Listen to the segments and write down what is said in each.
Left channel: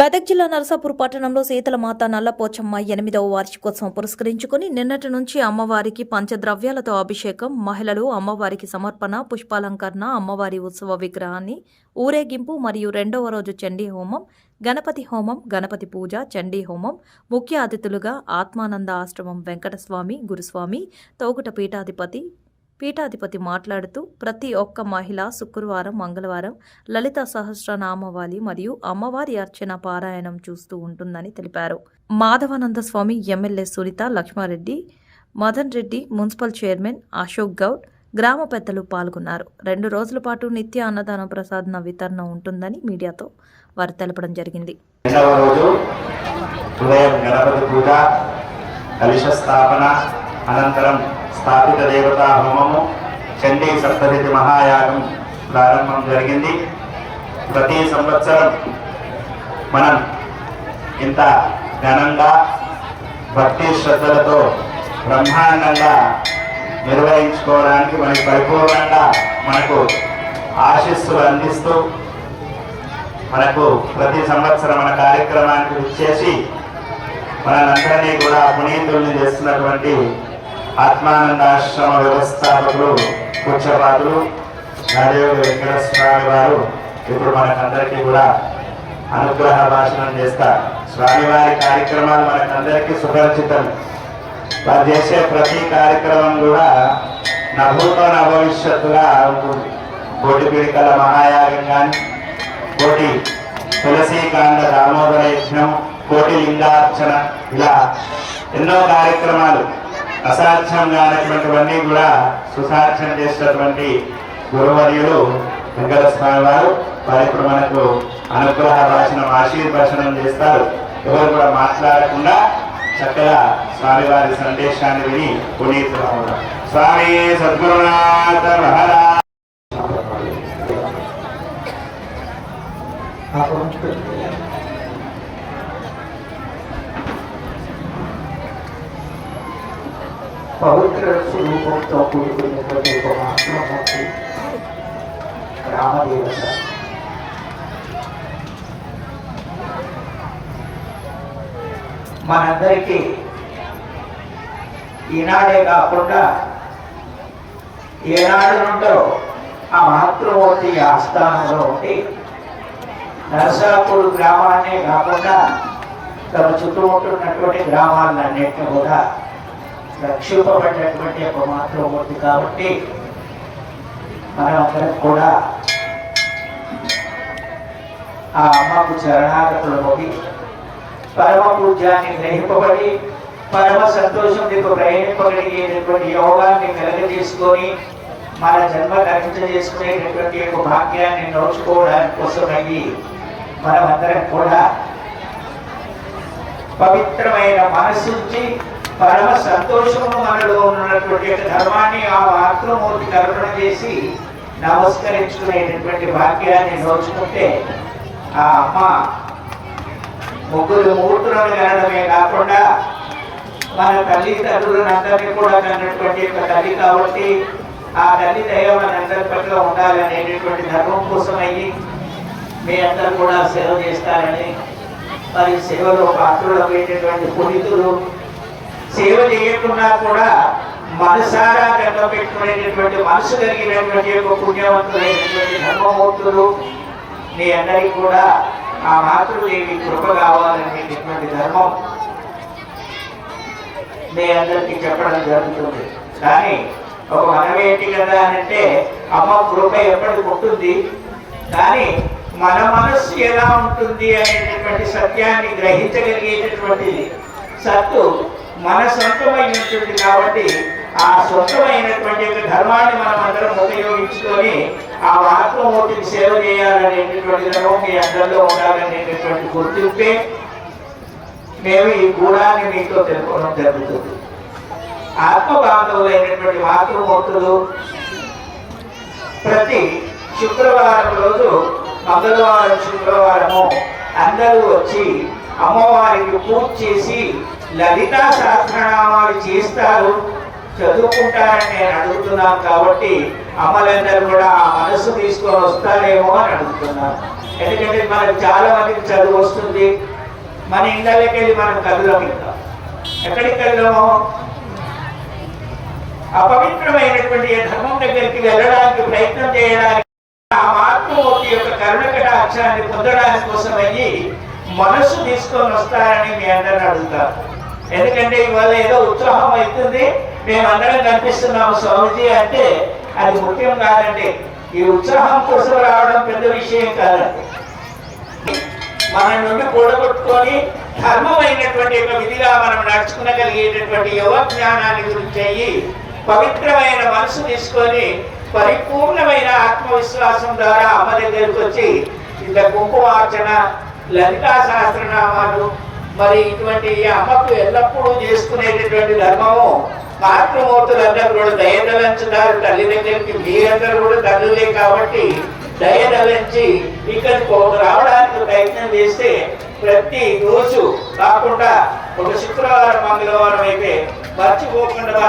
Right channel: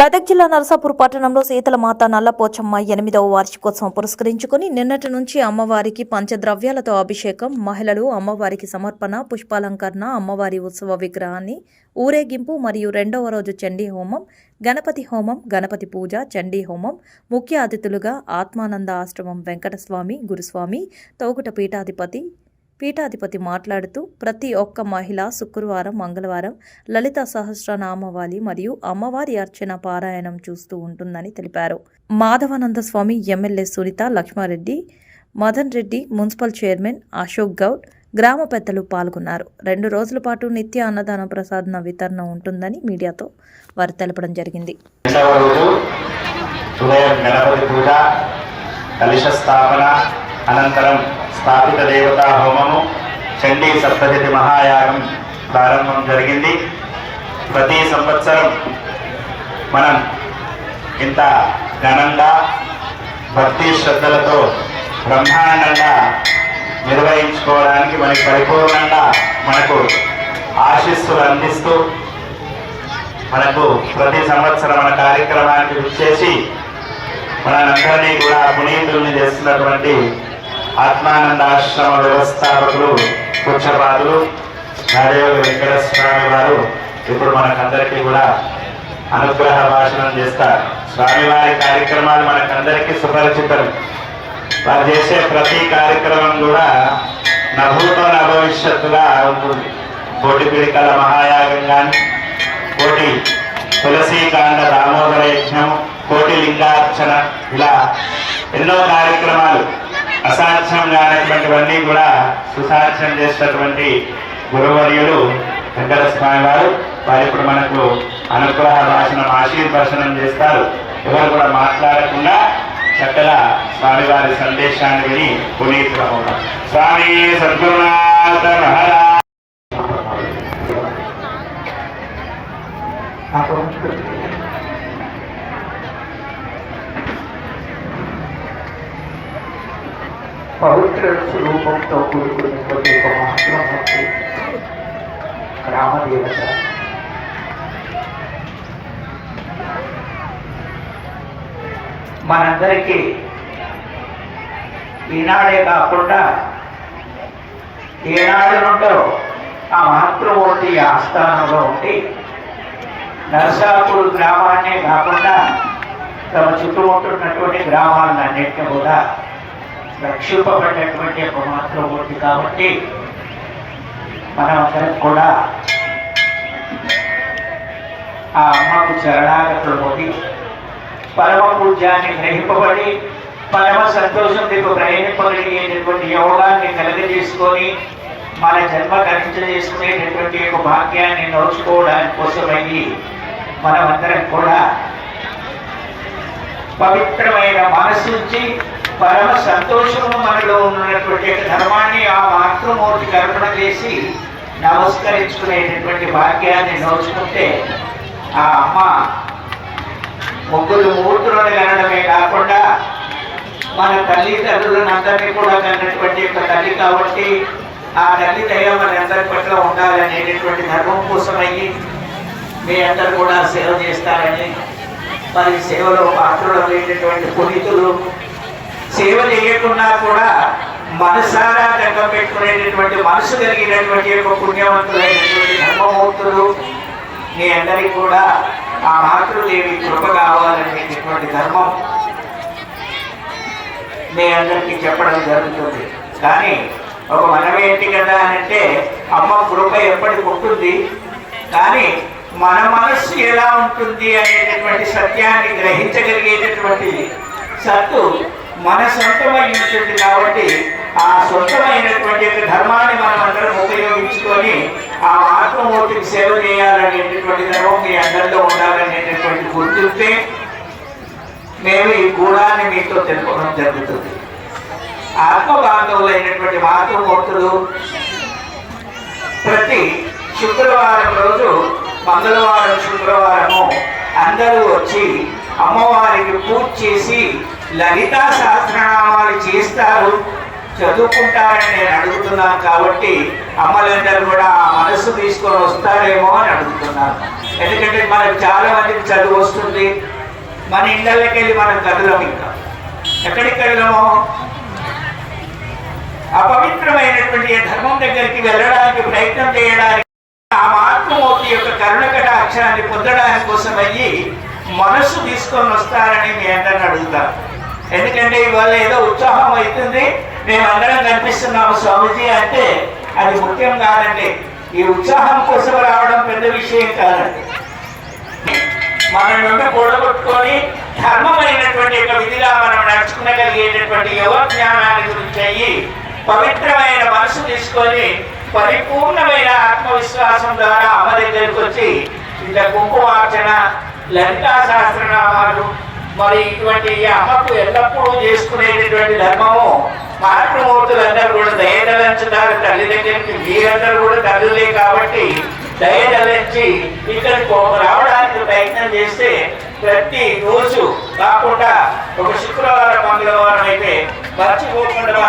మెదక్ జిల్లా నరసాపూర్ పట్టణంలో శీతలమాత నల్లపోచమ్మ 8వ వార్షికోత్సవం పురస్కరించుకుని నిన్నటి నుంచి అమ్మవారికి పంచద్రవ్యాలతో అభిషేకం, మహిళలు అమ్మవారికి సమర్పణ, పుష్పాలంకరణ, అమ్మవారి ఉత్సవ విగ్రహాన్ని ఊరేగింపు మరియు 2వ రోజు చండీ హోమం, గణపతి హోమం, గణపతి పూజ, చండీ హోమం. ముఖ్య అతిథులుగా ఆత్మానంద ఆశ్రమం వెంకటస్వామి గురుస్వామి, తోగుట పీఠాధిపతి మాట్లాడుతూ ప్రతి ఒక్క మహిళ శుక్రవారం, మంగళవారం లలిత సహస్రనామావళి మరియు అమ్మవారి అర్చన పారాయణం చూస్తూ ఉంటుందని తెలిపారు. Madhavananda Swami, MLA Sunitha Laxma Reddy, Madan Reddy, municipal chairman Ashok Goud, గ్రామ పెద్దలు పాల్గొన్నారు. 2 రోజుల పాటు నిత్య అన్నదాన ప్రసాదన వితరణ ఉంటుందని మీడియాతో వారు తెలపడం జరిగింది. అనంతరం స్థాపిత దేవతా హోమము, చండీ సప్తశతి మహాయాగం ప్రారంభం జరిగింది. ప్రతి సంవత్సరం మనం ఇంత ఘనంగా భక్తి శ్రద్ధలతో బ్రహ్మాండంగా నిర్వహించుకోవడానికి పరిపూర్ణంగా మనకు ఆశీస్సులు అందిస్తూ మనకు ప్రతి సంవత్సరం మన కార్యక్రమానికి వచ్చేసి మనందరినీ కూడా పునీతుల్ని చేస్తున్నటువంటి ఆత్మానందాశ్రమ వ్యవస్థాపకులు పూజ్యపాదులు నాదేవ వెంకటస్వామి వారు ఇప్పుడు మనకందరికీ కూడా అనుగ్రహ భాషణం చేస్తారు. స్వామివారి కార్యక్రమాలు మనకందరికీ సుపరిచితం. వారు చేసే ప్రతి కార్యక్రమం కూడా నభూత భవిష్యత్తుగా ఉంటుంది. కోటి పీడికల మహాయాగం కానీ, కోటి తులసీకాండ దామోదర యజ్ఞం, కోటి లింగార్చన, ఇలా ఎన్నో కార్యక్రమాలు అసాధ్యం కానటువంటివన్నీ కూడా సుసాధ్యం చేసినటువంటి గురువర్యులు వెంకటస్వామి వారు. వారు ఇప్పుడు మనకు అనుగ్రహ భాషణం ఆశీర్వచనం చేస్తారు. ఎవరు కూడా మాట్లాడకుండా చక్కగా స్వామివారి సందేశాన్ని విని పునీతులు అవుతారు. స్వామి సద్గురునాథ మహారాజ్. పవిత్ర స్వరూపంతో కూడుకున్నటువంటి ఒక మహాత్మూర్తి రామదేవత. మనందరికీ ఈనాడే కాకుండా ఏనాడు నుండో ఆ మహాత్మూర్తి ఆస్థానంలో ఉండి నరసాపూర్ గ్రామాన్నే కాకుండా తమ చుట్టూ ఉంటున్నటువంటి గ్రామాలన్నింటినీ కూడా రక్షింపబడినటువంటి ఒక మాతృమూర్తి. కాబట్టి మనమందరం కూడా ఆ అమ్మకు చరణాగతులు పొంది పరమ పూజ్యాన్ని గ్రహింపబడి పరమ సంతోషం మీకు ప్రయాణింపగలిగేటటువంటి యోగాన్ని కలుగజేసుకొని మన జన్మ చేసుకునేటటువంటి ఒక భాగ్యాన్ని నోచుకోవడానికి కోసమయ్యి మనమందరం కూడా పవిత్రమైన మనసు నుంచి పరమ సంతోషము మనలో ఉన్నటువంటి ధర్మాన్ని ఆ మాతృమూర్తికి అర్పణ చేసి నమస్కరించుకునేటటువంటి భాగ్యాన్ని నోచుకుంటే ఆ అమ్మ ముగ్గురు మూర్తులను కనడమే కాకుండా మన తల్లిదండ్రులను అందరినీ కూడా కన్నటువంటి ఒక తల్లి. కాబట్టి ఆ తల్లి దయ మన అందరి పట్ల ఉండాలనేటటువంటి ధర్మం కోసమయ్యి మీ అందరూ కూడా సేవ చేస్తారని, మరి సేవలో పాత్రులైనటువంటి పునీతులు సేవ చేయకుండా కూడా మనసారా దగ్గర పెట్టుకునేటటువంటి మనసు కలిగినటువంటి ఒక పుణ్యవంతులైనటువంటి ధర్మమూర్తులు మీ అందరికీ కూడా ఆ మాతృదేవి కృప కావాలనేటటువంటి ధర్మం మీ అందరికీ చెప్పడం జరుగుతుంది. కానీ ఒక మనమేంటి కదా అంటే అమ్మ కృప ఎప్పటికి ఉంటుంది, కానీ మన మనస్సు ఎలా ఉంటుంది అనేటటువంటి సత్యాన్ని గ్రహించగలిగేటటువంటి సత్తు మన సొంతమై ఉంటుంది. కాబట్టి ఆ సొంతమైనటువంటి ధర్మాన్ని మనం అందరం ఉపయోగించుకొని ఆ ఆత్మమూర్తికి సేవ చేయాలనేటటువంటి ధర్మం మీ అందరిలో ఉండాలనేటటువంటి గుర్తింపే మేము ఈ గూఢాన్ని మీతో తెలుసుకోవడం జరుగుతుంది. ఆత్మబాంధవులైనటువంటి మాతృమూర్తులు ప్రతి శుక్రవారం రోజు, మంగళవారం, శుక్రవారము అందరూ వచ్చి అమ్మవారికి పూజ చేసి లలితా సహస్రనామాలు చేస్తారు, చదువుకుంటారని నేను అడుగుతున్నాను. కాబట్టి అమ్మలందరూ కూడా ఆ మనసు తీసుకొని వస్తారేమో అని అడుగుతున్నాను. ఎందుకంటే మనకు చాలా మందికి చదువు వస్తుంది, మన ఇళ్ళకి వెళ్ళి మనం కదులం. ఇంకా ఎక్కడికి వెళ్ళాము? అపవిత్రమైనటువంటి ధర్మం దగ్గరికి వెళ్ళడానికి ప్రయత్నం చేయడానికి, ఆ మాతృమూర్తి యొక్క కరుణ కటాక్షాన్ని పొందడానికి కోసం అయ్యి మనసు తీసుకొని వస్తారని మీ అందరిని అడుగుతారు. ఎందుకంటే ఇవాళ ఏదో ఉత్సాహం అవుతుంది, మేమందరం కనిపిస్తున్నాము స్వామిజీ అంటే అది ముఖ్యం కాదండి. ఈ ఉత్సాహం కోసం రావడం పెద్ద విషయం కాదండి. మన నుండి కూడగొట్టుకొని ధర్మమైనటువంటి ఒక విధిగా మనం నడుచుకునగలిగేటటువంటి యువ జ్ఞానాన్ని గురించి అయ్యి పవిత్రమైన మనసు తీసుకొని పరిపూర్ణమైన ఆత్మవిశ్వాసం ద్వారా అమ్మ దగ్గరికి వచ్చి ఇంత కుంకుమార్చన, లలితా సహస్రనామాలు, మరి ఇటువంటి అమ్మకు ఎల్లప్పుడూ చేసుకునేటటువంటి ధర్మము మాతృమూర్తులందరూ కూడా దయదలంచుతారు తల్లి దగ్గరికి. మీరందరూ కూడా తల్లులే కాబట్టి దయదలించి ఇక్కడికి రావడానికి ప్రయత్నం చేస్తే ప్రతి రోజు కాకుండా ఒక శుక్రవారం మంగళవారం అయితే మర్చిపోకుండా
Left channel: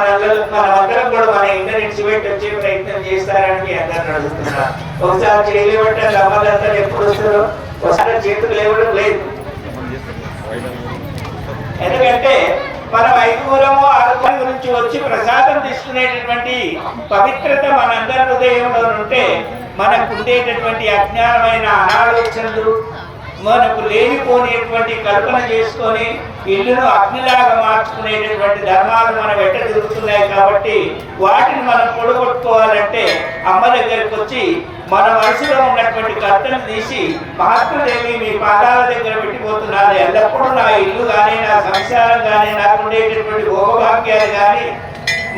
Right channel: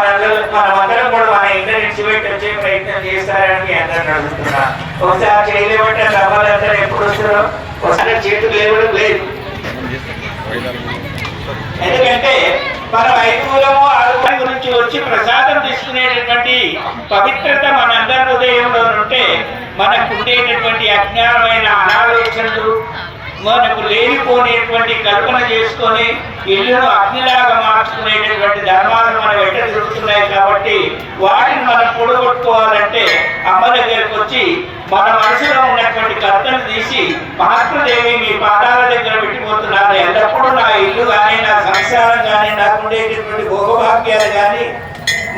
మనమందరం కూడా మన ఇంటి నుంచి పెట్టి వచ్చే ప్రయత్నం చేస్తారని అందరిని అడుగుతున్నా. ఒకసారి చేయలేబట్టి అమ్మలందరూ ఎప్పుడు వస్తారో ఒకసారి చేతులు లేవడం లేదు. ఎందుకంటే మన వైద్యులము ఆరోగ్యం గురించి వచ్చి ప్రసాదం తీసుకునేటటువంటి పవిత్రత మనందరి హృదయంలో ఉంటే మనకు ఉండేటటువంటి అజ్ఞానమైన అనాలోచనలు, మనకు లేనిపోనేటువంటి కల్పన చేసుకొని ఇల్లును అగ్నిలాగా మార్చుకునేటటువంటి ధర్మాలు మన వెంట తిరుగుతున్నాయి. కాబట్టి వాటిని మనం పొడగొట్టుకోవాలంటే అమ్మ దగ్గరికి వచ్చి మన మనసులో ఉన్నటువంటి కర్తను తీసి, మహాత్ముదేవి మీ పాదాల దగ్గర పెట్టిపోతున్నారు, ఎల్లప్పుడూ నా ఇల్లు కానీ, నా సంసారం కానీ, నాకు ఉండేటటువంటి భోగభాగ్యాలు కానీ,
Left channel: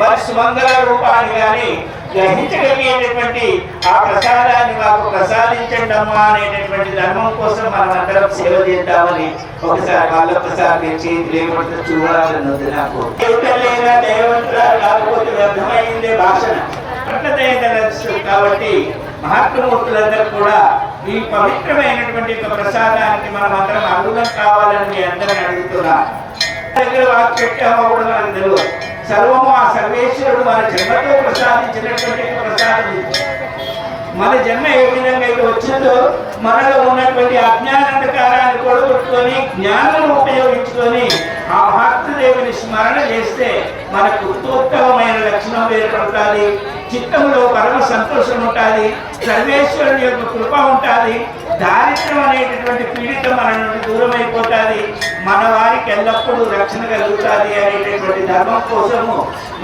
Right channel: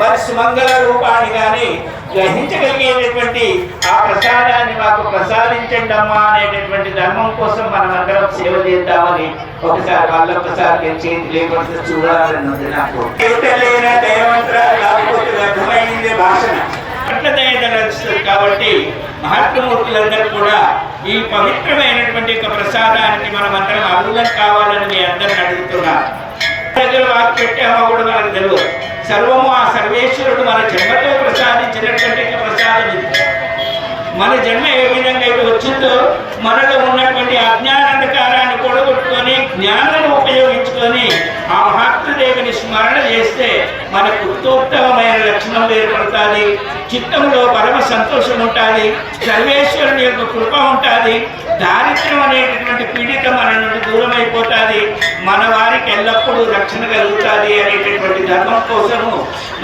మరి సుమంగళ రూపాన్ని కానీ గ్రహించగలిగేటటువంటి ఆ ప్రసాదాన్ని మాకు ప్రసాదించండి అమ్మా అనేటటువంటి ధర్మం కోసం మనం అందరం సేవ చేద్దామని ఒకసారి వాళ్ళొక్కసారి చేతి లేకపోతే చూడాలని ఉంది నాకు. కాకపోతే వ్యర్థమైంది భాషణ అట్ల దయదలుస్తుంది. కాబట్టి మహాత్మూర్తులందరూ కూడా ఈ పవిత్రమైనటువంటి యొక్క ప్రసాదానికి మనం అందరం అర్హులం కావాలని మీ అందరిని అడుగుతున్నారు. దగ్గర వాకి పెట్టామో కూడా మనకు తెలియదు. సర్వము ఆ సర్వేశ్వరుడు మన జన్మతో ప్రసాదించినటువంటి ప్రసాదం ఇది. మన జన్మ ఏ విధంగా అయితే వచ్చిందో మనలో ఉన్నటువంటి అజ్ఞానంధకారాన్ని కూడగొట్టుకొని జ్ఞానం ఉపయోగించుకొని ఆ మహాత్ముదేవిని స్మరణ చేస్తే మనకు ఉత్తోత్తమైన లక్షణం ఏర్పడుతుంది. చిత్తంలో పరమ సంతోషం ఉంటుంది, సర్వేశ్వరుని యొక్క కృప ఉంటుంది, దారిద్ర్యం అనేటటువంటి పీడితం మన నుండి దూరం అయిపోతుంది, మన వారికి ఎల్లప్పుడూ రక్షణ కలుగుతుంది అనేటటువంటి ధర్మం కోసము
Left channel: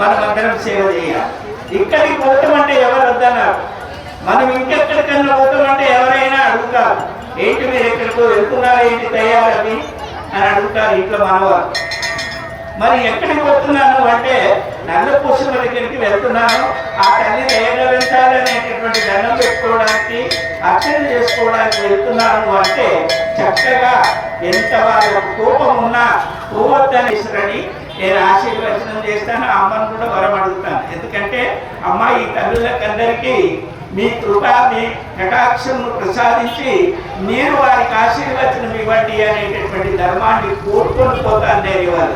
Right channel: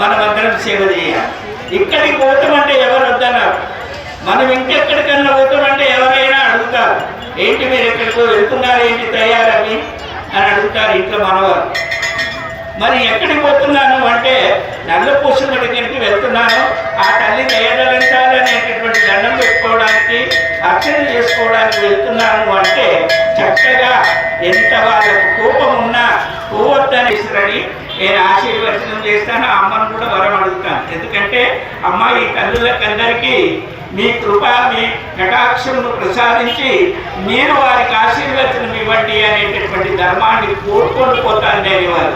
మనమందరం సేవ చేయాలి. ఇక్కడికి పోతామంటే ఎవరు వద్దన్నారు, మనం ఇంకెక్కడికన్నా పోతామంటే ఎవరైనా అడుగుతారు, ఏంటి మీరు ఎక్కడికో వెళ్తున్నారు, ఏంటి తయారవి అని అడుగుతారు ఇంట్లో మనవారు. మరి ఎక్కడికి పోతున్నాను అంటే నల్లపూసల దగ్గరికి వెళ్తున్నాను, ఆ తల్లి దయదలించాలనేటటువంటి దండం పెట్టుకోవడానికి, అర్చన చేసుకోవడానికి వెళ్తున్నాను అంటే చక్కగా ఎంత వాళ్ళకు కోపం ఉన్నా పోవద్దని ఇసురని నేను ఆశీర్వచనం చేస్తాను. అమ్మను కూడా వరం అడుగుతాను. ఎందుకంటే అమ్మ ఈ తల్లులకందరికీ మీ కృప, మీ కటాక్షమును ప్రసాదించి మీరు వారికి ఆశీర్వచనం ఇవ్వండి అనేటటువంటి ధర్మాన్ని కోరుకొని పోతాను నేను ఇవాళ.